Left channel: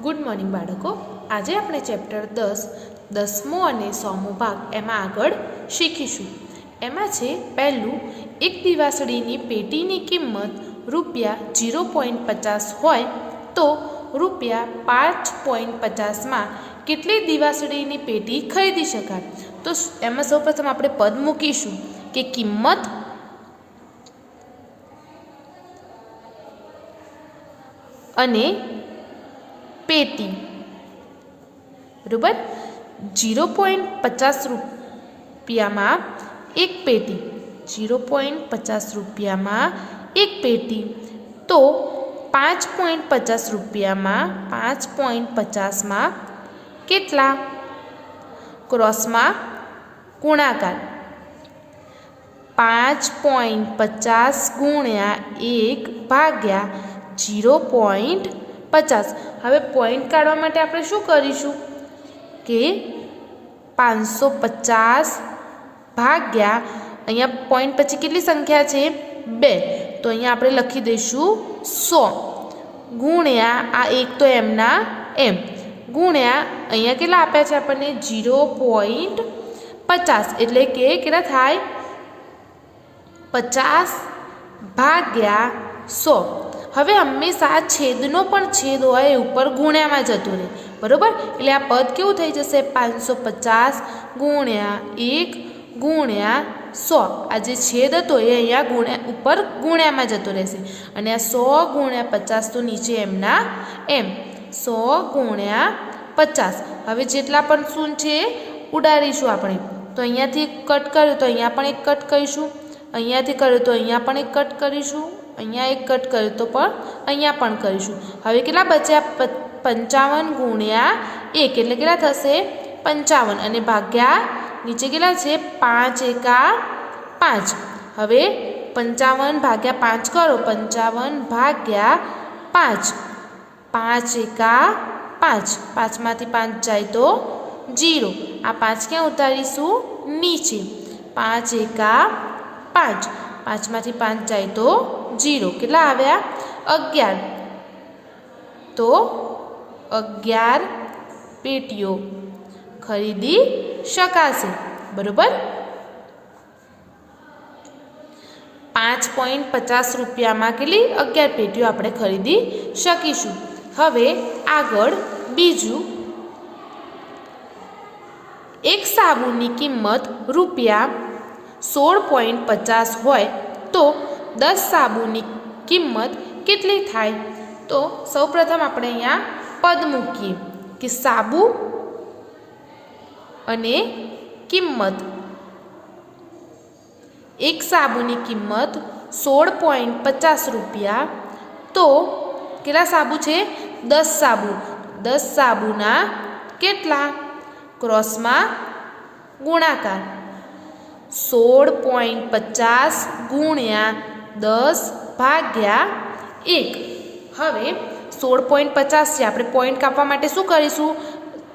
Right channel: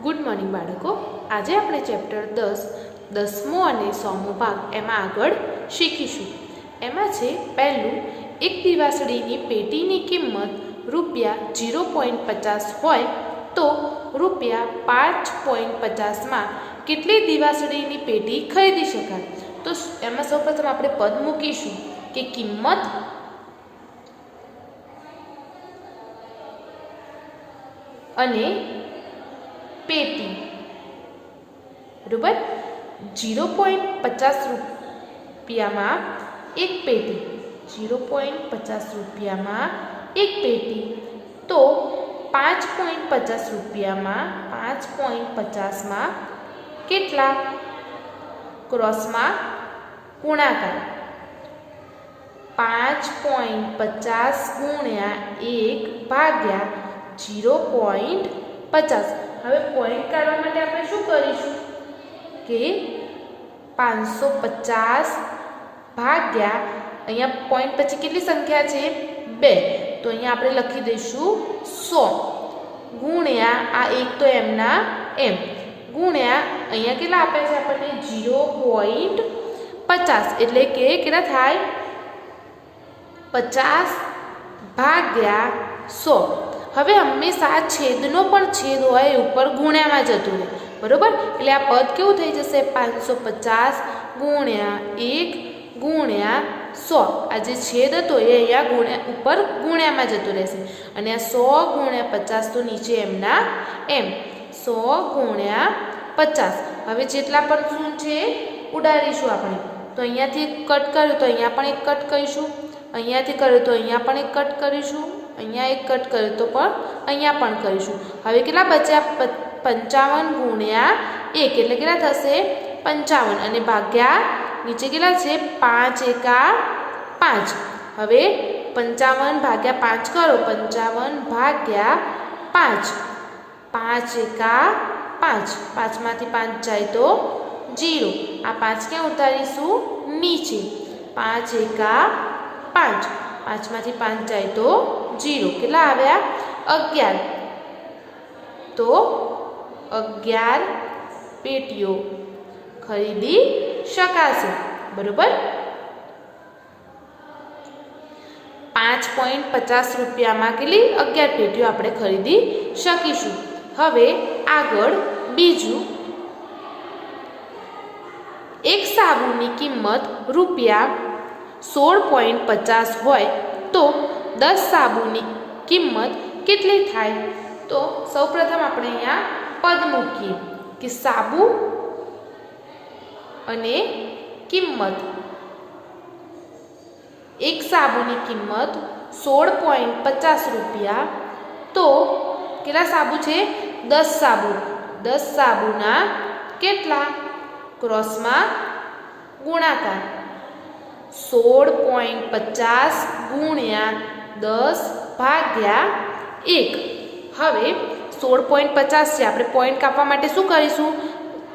Good morning બાળકો। આજે આપણે ચેપ્ટર 10 10મો અને 100મો ભાગ એમાં આગળ શીખીશું। એમાં છે પહેલું, એક દિવાસળીની પેટીની કિંમત ₹0.50 હોય તો ₹5.50માં કેટલી દિવાસળીની પેટી ખરીદી શકાય। તો એમાં સૌપ્રથમ આપણે પદ મૂકીશું કે કિંમત અને पेटी बराबर। 0.50 रुपया में एक पेटी, 0.50 रुपया में एक पेटी तो 5.50 रुपया में 5.50 में केटला क्रॉस में गुणाकार 5.50 गुण्या 1 भाग्या 0.50। હવે પોઈન્ટ કાઢવા માટે આપણે શું કરીશું કે 550 ભાગ્યા અહીંયા પોઈન્ટ પછી કેટલી સંખ્યા છે 2 તો અહીંયા આપણે લખી દઈશું 100 ગુણ્યા આ એક તો એમના એમ ગુણ્યા અહીંયા કેટલા આપ્યા છે આપણને 0.50 એટલે કે કેટલા થાય 50 ભાગ્યા 100। હવે હંમેશા છેદનો પણ છેદ હોય એ ઉપર ગુણ્યામાં જતું રહે બરાબર। એટલે આ પદ કેવું થઈ જશે 550 ગુણ્યા 1 ગુણ્યા 100। આ જે છેદ હતો એ અહીંયા ઉપર ગુણ્યામાં જતું રહેશે અને આ 100 ગુણ્યા 50 તો નીચે એમના એમ 100 ગુણ્યા 50। હવે જેટલા પણ શૂન્ય છે ઉડાડીશું આપણે। તો અહીંયાથી કટ કર્યું તો અહીંયા પણ એક કટ કરીશું, અહીંયાથી કર્યું તો અહીંયા પણ એક કટ કરીશું, અહીંયા એક કટ કર્યો તો પણ અહીંયા પણ કરીશું। હવે કેટલા બચ્યા 55 ગુણ્યા 1 એટલે કેટલા થશે 55 અને ભાગ્યા નીચે કેટલા છે 5 એકા 5। હવે 55 ભાગ્યા 5 કરો, 55 ભાગ્યા 5, 5 એકા 5, 5 માંથી 5 જાય તો 0। આ 5 ક્યાં ઉતારીશું નીચે, 5 એકા 5, 5 માંથી 5 જાય તો 0। કેટલા આવ્યા 11 તો 11 પેટીઓ ખરીદી શકાશે બરોબર। 5.50 રૂપિયામાં કેટલી 11 પેટીઓ આપણે ખરીદી શકીશું। હવે આગળ બીજું, એક સાબુની કિંમત ₹16.50 હોય તો 10 સાબુની કિંમત કેટલી થાય। તો સૌપ્રથમ આપણે અહીંયા પદ મૂકીએ કે સાબુ અને કિંમત। એક સાબુની કિંમત 16.50 રૂપિયા તો કેટલા સાબુ છે 10 સાબુ, 10 સાબુના કેટલા ક્રોસમાં ગુણાકાર 16.50 ગુણ્યા 10 ભાગ્યા 1। હવે 16.50 છે, આપણે પોઈન્ટ કાપવા માટે શું કરીશું,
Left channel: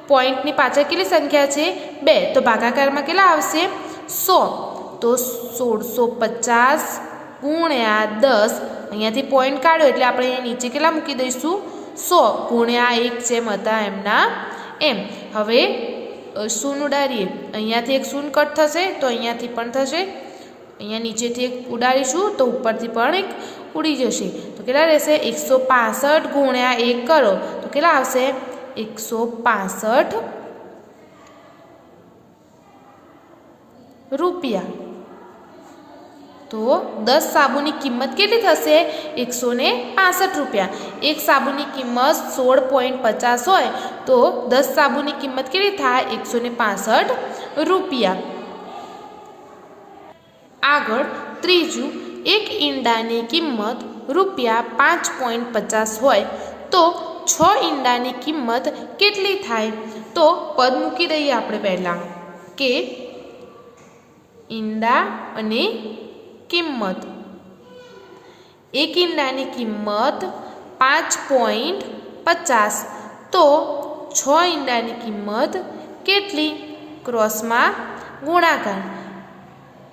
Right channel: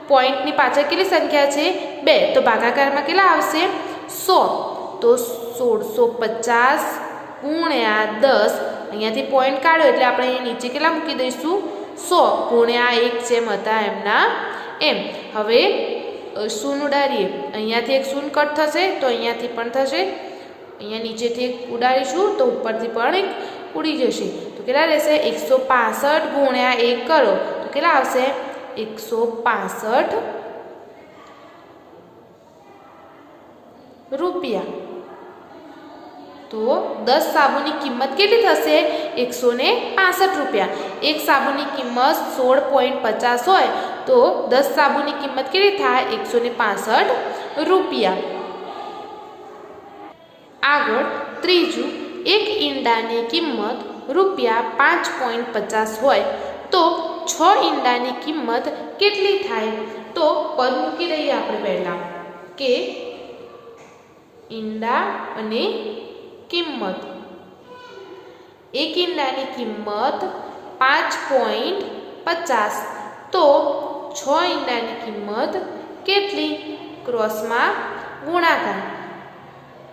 પોઈન્ટની પાછળ કેટલી સંખ્યા છે 2 તો ભાગાકારમાં કેટલા આવશે 100 તો 1650 ગુણ્યા 10, અહીંયાથી પોઈન્ટ કાઢો એટલે આપણે અહીંયા નીચે કેટલા મૂકી દઈશું 100 ગુણ્યા 1 જેમ હતા એમના એમ। હવે શૂન્ય ઉડાડીએ, અહીંયાથી એક શૂન્ય કટ થશે તો અહીંયાથી પણ થશે, અહીંયા નીચેથી એક ઉડાડીશું તો ઉપરથી પણ એક ઉડી જશે તો કેટલા રહેશે 165 ગુણ્યા 1 કરો તો કેટલા આવશે 165 રૂપિયા। તો 10 સાબુની કિંમત કેટલી થશે 165 રૂપિયા। એક સાબુની કિંમત 16.50 હોય તો 10 સાબુની કિંમત કેટલી થાય 165 રૂપિયા। આગળ ત્રીજું, એક ઈંડાની કિંમત ₹5.50 હોય તો 6 ઈંડાની કિંમત કેટલી થાય। તો પદ મૂકી દઈએ આપણે પહેલાં કે ઈંડા અને કિંમત। એક ઈંડાની કિંમત 5.50 તો 6 ઈંડાની કિંમત કેટલી ક્રોસમાં ગુણાકાર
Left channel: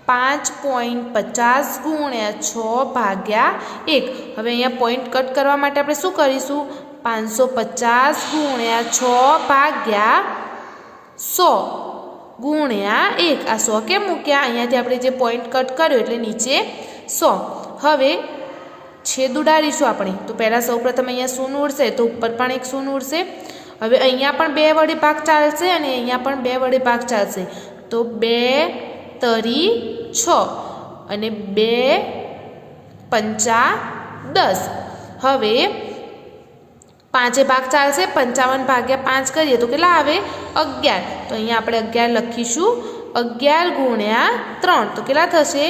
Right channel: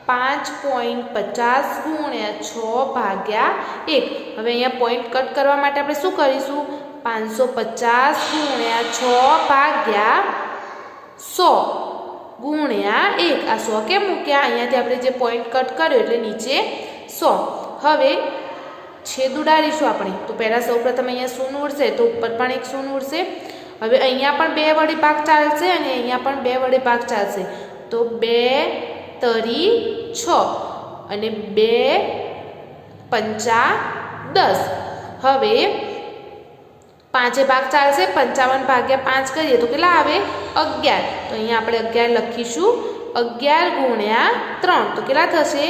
5.50 ગુણ્યા 6 ભાગ્યા 1। હવે અહીંયા પોઈન્ટ કટ કરવા માટે આપણે શું કરીશું 550 ગુણ્યા 6 ભાગ્યા 100 ગુણ્યા 1. આ 100 કેમ મૂક્યા? અહીંયાથી આપણે જે પોઈન્ટ કટ કર્યો એટલે નીચે 100. હવે છેદ ઉડાડીશું આપણે. તો પહેલાં સૌપ્રથમ અહીંયા શૂન્ય ઉડશે તો ઉપર પણ એક શૂન્ય ઉડશે. હવે અહીંયા પણ 2 વડે ભાગ ચાલશે અને અહીંયા પણ 2 વડે ભાગ ચાલશે. તો 2 તરી 6 અને 2 પંચા 10. હવે 5 ભાગ ચાલશે. 55 ભાગ્યા 5 કરીએ તો કેટલા આવે? 11. તો અહીંયા આપણે 11 લખીશું. 11 ગુણ્યા 3 તો કેટલા થશે?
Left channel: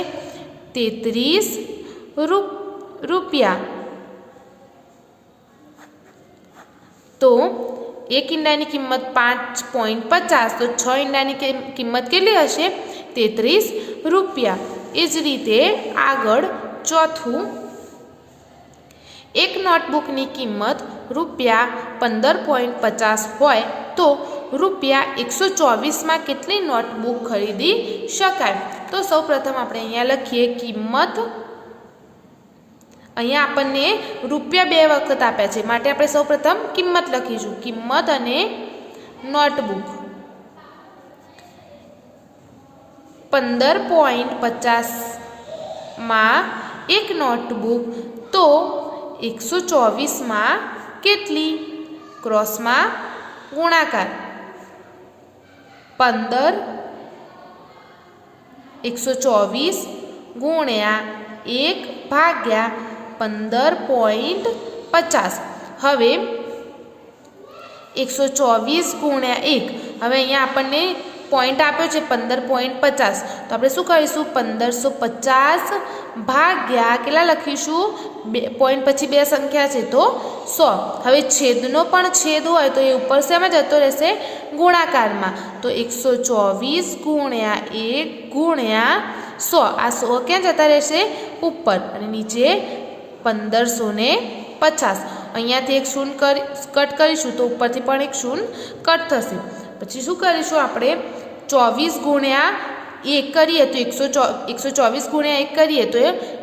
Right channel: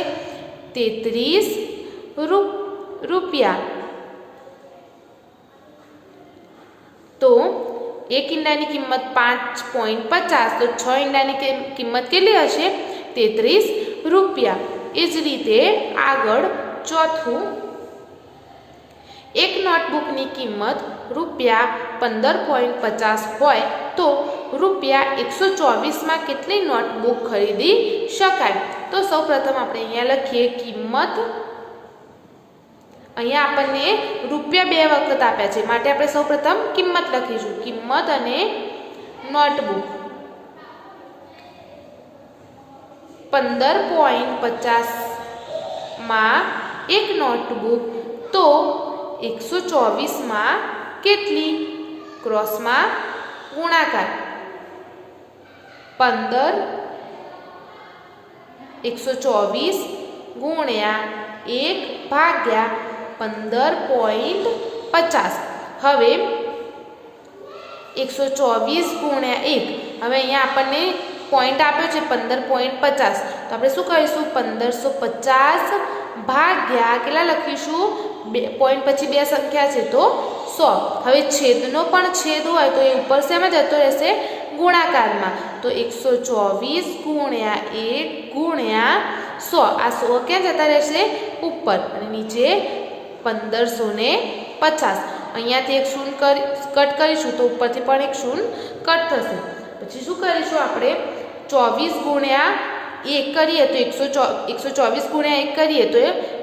33 રૂપિયા. તો એક ઈંડાની કિંમત 5.50 તો 6 ઈંડાની કિંમત કેટલી હશે? 33 રૂપિયા. એ જ રીતે આગળ ચોથું, એક નોટબુકની કિંમત રૂપિયા 15.50 હોય તો રૂપિયા 124માં કેટલી નોટબુક ખરીદી શકાય? તો સૌપ્રથમ આપણે અહીંયા લખીએ કિંમત. અહીંયા આપણને રૂપિયા 2 વખત આપ્યા છે માટે આપણે સૌપ્રથમ કિંમત લખીશું. કિંમત અને નોટબુક. 15.50માં એક નોટબુક તો 124માં કેટલી? ક્રોસમાં ગુણાકાર. 124 ગુણ્યા 1 ભાગ્યા 15.50. હવે 124 ગુણ્યા 1. હવે અહીંયા આપણને પોઈન્ટ આપ્યો છે 15.50. તો આપણે શું કરીશું? 1550 ભાગ્યા કેટલા લખીશું? પોઈન્ટ પછી 2 સંખ્યા છે તો 100. હવે છેદનો પણ છેદ હોય તો એ ઉપર શેમાં જતો રહેશે? ગુણાકારમાં. તો 124 ગુણ્યા 1 ગુણ્યા 100. આ 100 ક્યાં જતા રહેશે? ઉપર. અને નીચે 1550. અહીંયાથી એક શૂન્ય કટ કરીશું તો ઉપરથી પણ એક શૂન્ય કટ થશે. પછી શું કરીશું આપણે? 24 ગુણ્યા 1 કરીએ તો 124 ગુણ્યા 1 કરીએ તો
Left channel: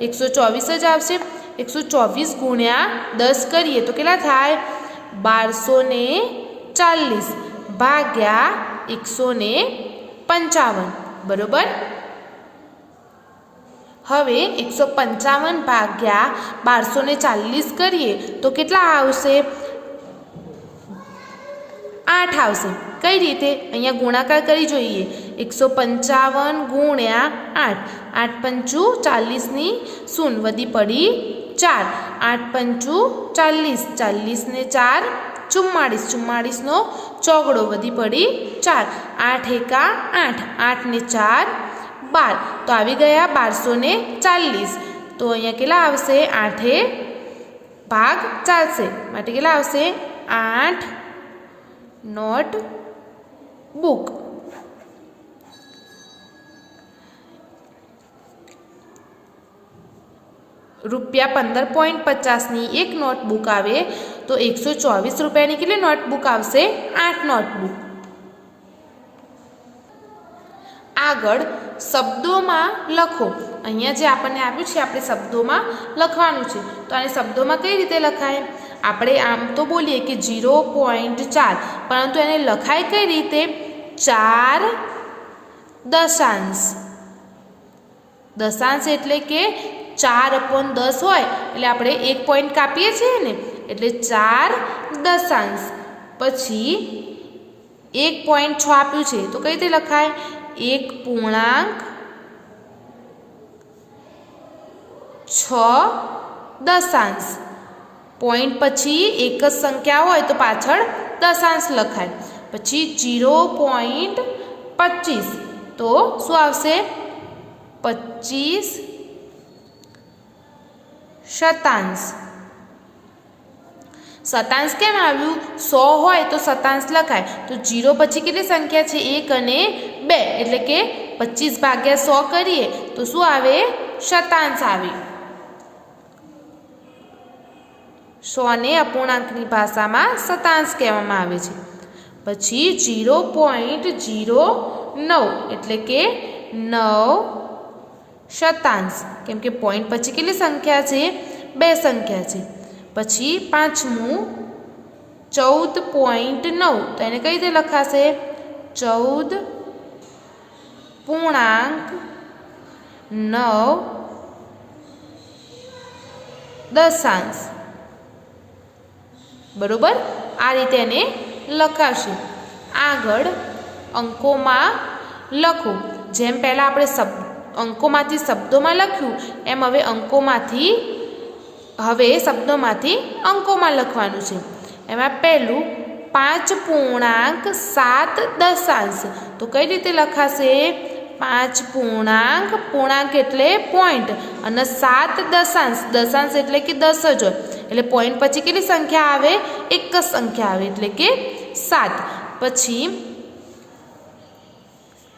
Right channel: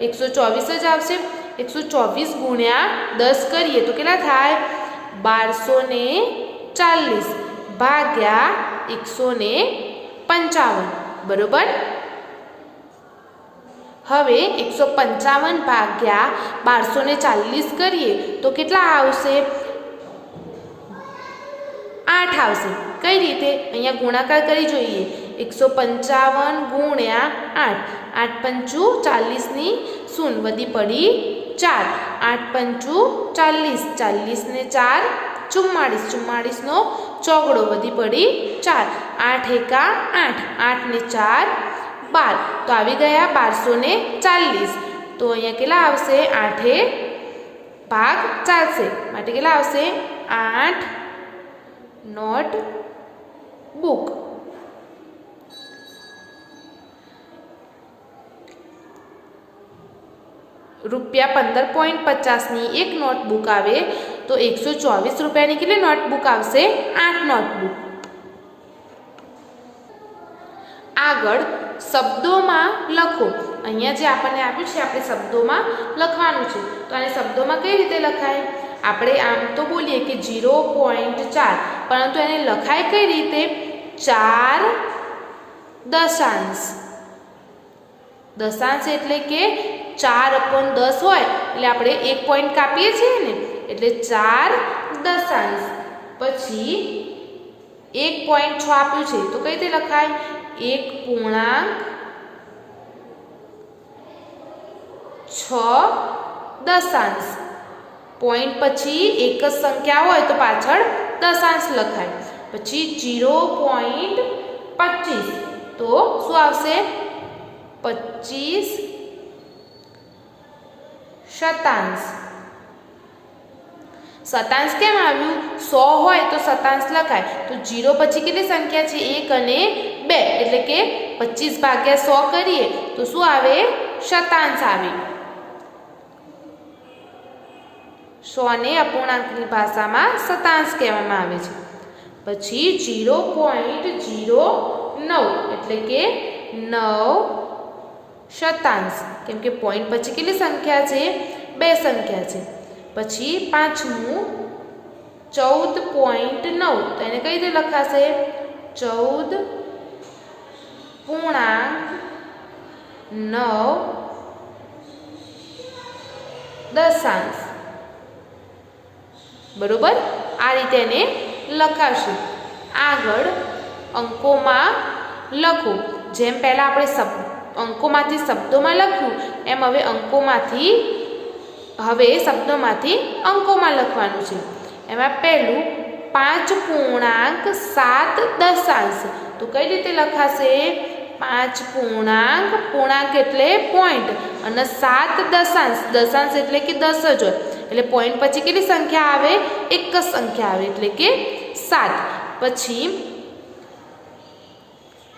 124 જ આવશે. 124 ગુણ્યા 10 કરીએ તો કેટલા થાય? 1240 ભાગ્યા 155. બરોબર. હવે 155 ભાગ્યા 1240 કરીએ તો કેટલા આવશે? 8 આવશે. કઈ રીતે? અહીંયા ગુણાકાર કરી જોઈએ. 155 ગુણ્યા 8. 8 પંચું 40ની શૂન્ય વધી પડી 4. 8 પંચું 40. 40 ને 4 44. 44નો ચોગડો વધી પડી 4. 8 એકા 8. 8 ને 4 12. તો આવી ગયા 1240. તો અહીંયા કેટલા આવશે? 8 ભાગ ચાલશે માટે કેટલા આવશે? 8 નોટ બુક. રૂપિયા 15.50ની એક નોટબુક આવે તો 124 રૂપિયાની કેટલી નોટબુક આવશે? 8 નોટબુક. આગળ શબ્દોમાં લખો. અહીંયા જે આપણને આપ્યું છે આપણે શબ્દોમાં લખવાનું છે. તો આને શબ્દોમાં કઈ રીતે લખાય? આપણે આમ તો બોલીએ કે 0.4 પરંતુ એને લખાય કઈ રીતે? 4 દશાંશ. દશાંશ એટલે કે 4/10 હોય એટલે આપણે 1 પોઈન્ટ કાપીએ છીએ ને એટલે 4 દશાંશ. પછી 1.6 આપ્યું છે તો કઈ રીતે લખાય? 1.6 દશાંશ. પોઈન્ટ પછી એક જ સંખ્યા હોય તો પાછળ દશાંશ લખાય. પછી 0.25 તો શું આવશે? 25 શતાંશ. શતાંશ કેમ આવ્યું? 100 હોય તો શતાંશ લખાય. તો 0 પછી કેટલી સંખ્યા છે? 1 અને 2 એટલે કે 25 ભાગ્યા 100 કરીએ તો શું આવે? શતાંશ આવે. 100 ને અપૂર્ણાંકની ભાષામાં શતાંશ કહેવામાં આવે છે. પછી 0.09 એટલે કે 9 શતાંશ. કેમ કે પોઈન્ટ પછી કેટલી સંખ્યા છે? 2 સંખ્યા છે. પછી પાંચમું 14.9 તો એને કઈ રીતે લખાશે 14.9 બરોબર આ રીતે એને લખાશું આગળ અંકોમાં લખો જેમ પહેલાં આપણે અંકોમાંથી શબ્દોમાં લખ્યું એમ હવે શબ્દોમાંથી અંકોમાં લખવાનું છે એમાં પહેલું 5.7 તો કઈ રીતે લખાશે 5 પૂર્ણાંક એટલે પોઈન્ટ અને 7 દશાંશ એટલે કે 10 જ હોય એટલે પોઈન્ટ પછી કેટલી સંખ્યા આવે એક જ સંખ્યા આવે એટલે કે 7 પછી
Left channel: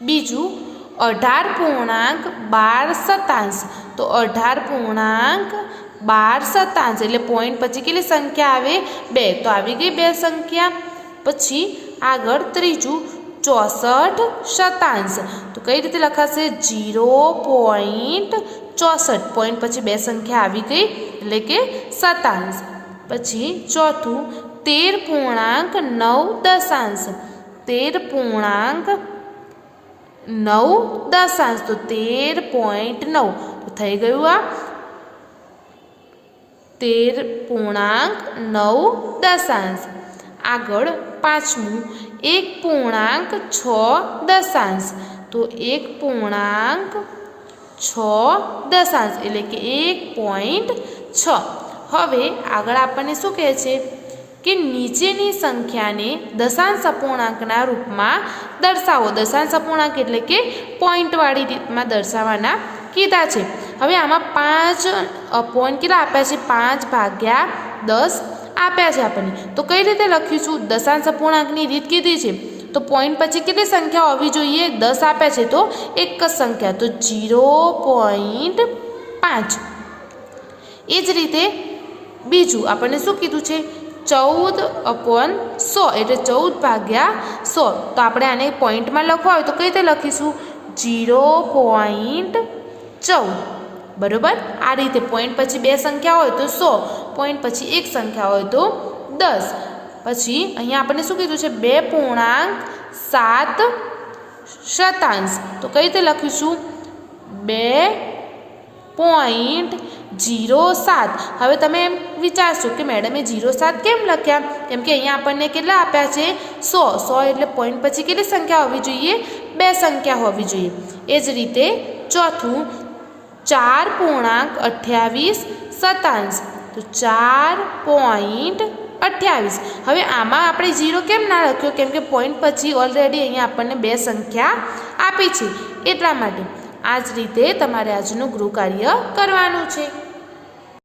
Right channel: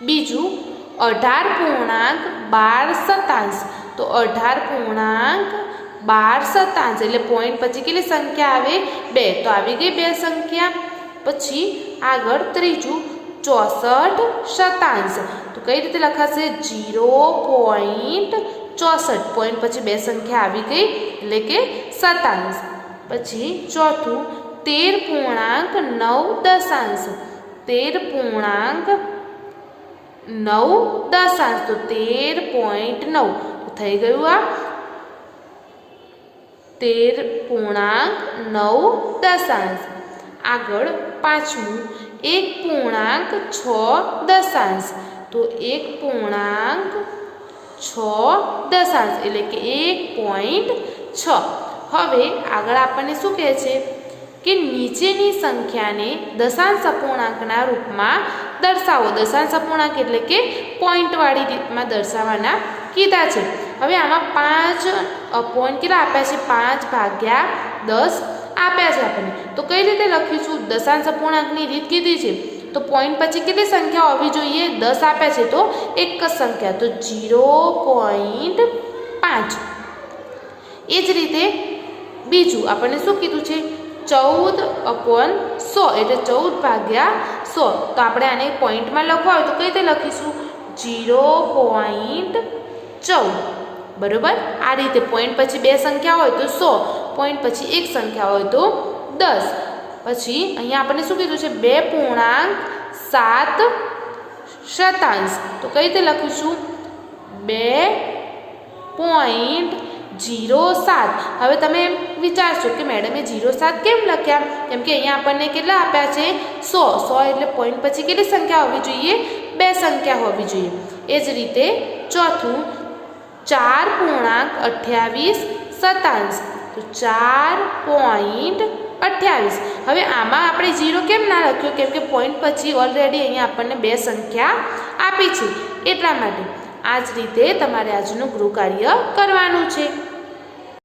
બીજું 18.12 તો 18.12 એટલે પોઈન્ટ પછી કેટલી સંખ્યા આવે 2 તો આવી ગઈ 2 સંખ્યા પછી આગળ ત્રીજું 64 તો કઈ રીતે લખાશે 0.64 પોઈન્ટ પછી 2 સંખ્યા આવી ગઈ એટલે કે 27 પછી ચોથું 13.9 તો 13.9 તો થઈ ગયું આ 13.9 આગળ પાંચમું 1.6 તો 1.6 એટલે કે 1.6 હવે આગળ આપણને શું કહે છે કે નીચેની સંખ્યાને દશાંશ અપૂર્ણાંકના રૂપમાં દર્શાવો દશાંશ અપૂર્ણાંક એટલે કે પોઈન્ટવાળી રીતમાં દર્શાવવાના કીધા છે હવે આમાં 5 પોઈન્ટ કેટલા આપ્યા છે 5/10 આપ્યા છે આપણને તો કઈ રીતે લખીશું દશાંશ અપૂર્ણાંકની રીત કીધી છે તો પોઈન્ટ પછી કેટલી સંખ્યા હોવી જોઈએ 10 આપ્યા છે તો એક જ સંખ્યા તો 0.5 એ જ રીતે બીજું આપણને શું કીધું છે 14/100 એટલે 14/100 તો આપણે આને પોઈન્ટમાં લખવા હોય તો કઈ રીતે લખીશું 0.14 બરોબર આ રીતે પોઈન્ટ પછી 2 સંખ્યા હોય તો 100 પોઈન્ટ પછી એક સંખ્યા હોય તો 10 પછી અહીંયા આપણને શું કીધું છે 2.7 તો કઈ રીતે લખીશું 2.07 હવે તમે એમ વિચારશો કે મેડમે 07 કેમ લખ્યા કેમ કે અહીંયા આપણને કેટલા આપ્યા છે 100 એટલે પોઈન્ટ પછી કેટલી સંખ્યા હોવી જોઈએ 2 સંખ્યા હોવી જોઈએ એ જ રીતે ચોથું 4.28 તો 4.28 હવે આમાં આપણે 0 કેમ ના લખ્યો કેમ કે પોઈન્ટ પછી ઓલરેડી અહીંયા આપણને 2 સંખ્યા આપી છે એટલા માટે આ જ રીતે તમારે આજનું ગૃહ કાર્ય કરવાનું છે।